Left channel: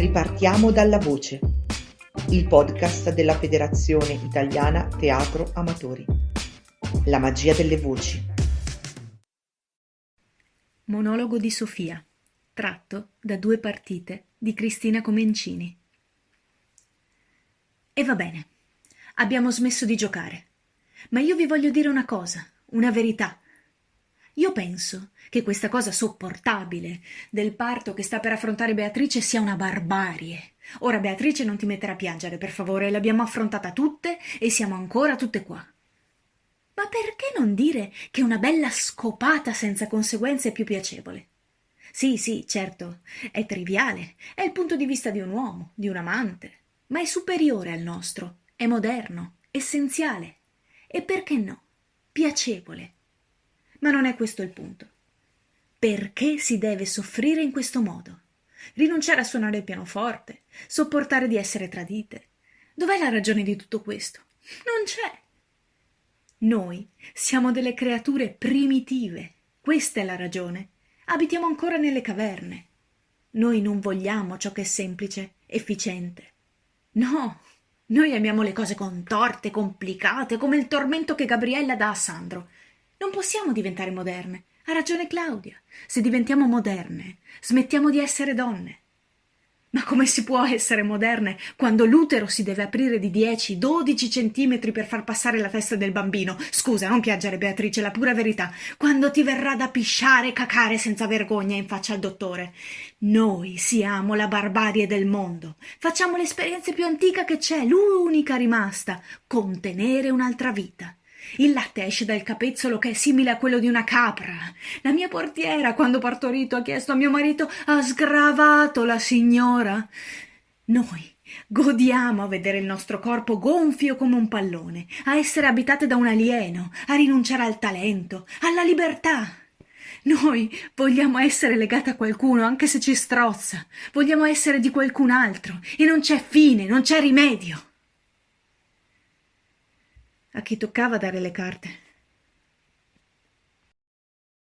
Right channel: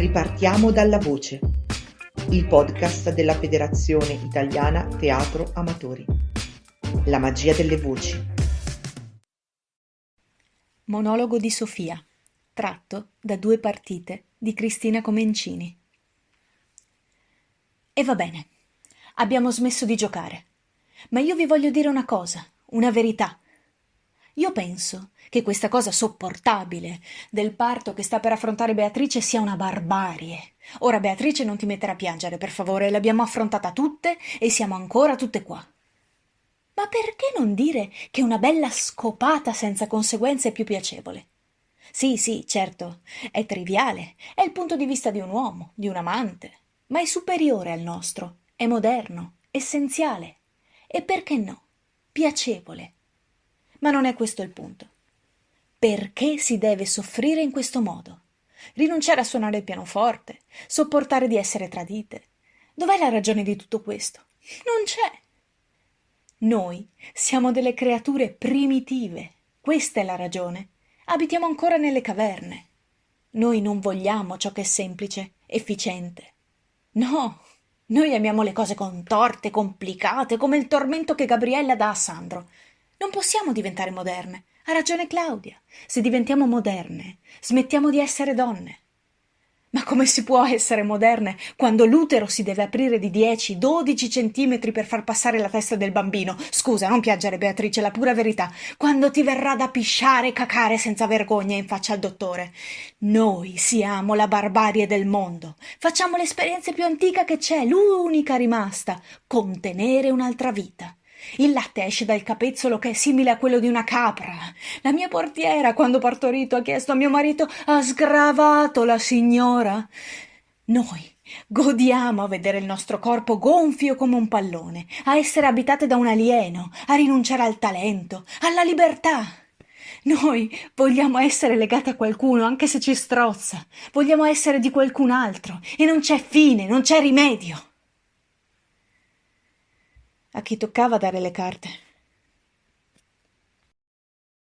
Ripartiamo dalla voce, il podcast della Federazione Italiana Teatro Amatori. La magia delle voci. Monologo di Sofia, tratto da 2 partite di Cristina Comencini. E va bene, abbiamo smesso di giocare. Ma io vi voglio dire una cosa, una verità. Io penso che questa cosa sopportabile del parto che sta per affrontare Beatrice sia una barbarie. Ora Beatrice non ti mettere a piangere, per favore, l'abbiamo affrontata tutte e siamo ancora tutte qua. Ma perché non dire che una bella scopata senza conseguenze è più piacevole? Sì, certo, è triviale, è il punto di vista di un uomo, di un amante, ma è superiore al nostro, è moderno, essenziale e perché no, piacevole. Ma non è questo il punto. Perché si deve soffrire in questo modo? Rinunciare a suonare il pianoforte, sopportare di essere tradite. Dov'è la ragione di tutto questo? Non c'è. Noi siamo delle creature primitive, questa è la ragione. Abitiamo ancora nelle caverne. Noi non vogliamo ciò che è semplice, efficiente. No, noi amiamo le cose contorte, complicate, come il tormento che Gabriella dà a Sandro. Non possiamo diventare moderne. Ha ragione Claudia. Se diventiamo moderne, smettiamo di essere donne. Ma come si può essere moderne quando l'utero si deve aprire di 10-12 centimetri per far passare la testa del bambino? Scusa, non piangere Beatrice, è la pura verità. Quando ti verrà da pisciare e cacare senza vergogna in faccia al dottore. Noi siamo la barbarie del mondo. Facciamo l'esperienza più antica che c'è, l'unica rimasta, contenere un'altra vita. Il latte esce dal capezzolo che è simile a quello di una capra. La mia portiera, quando partorito, ha chiesto a mio marito: ha sgravato la signora? Noi godiamo a vedere il nostro corpo gonfio come un pallone, a essere abitate da un alieno, a rinunciare al talento, alla libertà. Noi vogliamo essere legate a qualcuno, anche se ci strozza. Vogliamo essere di qualcun altro e non c'è fine, non c'è rimedio. A chi toccava dare le carte?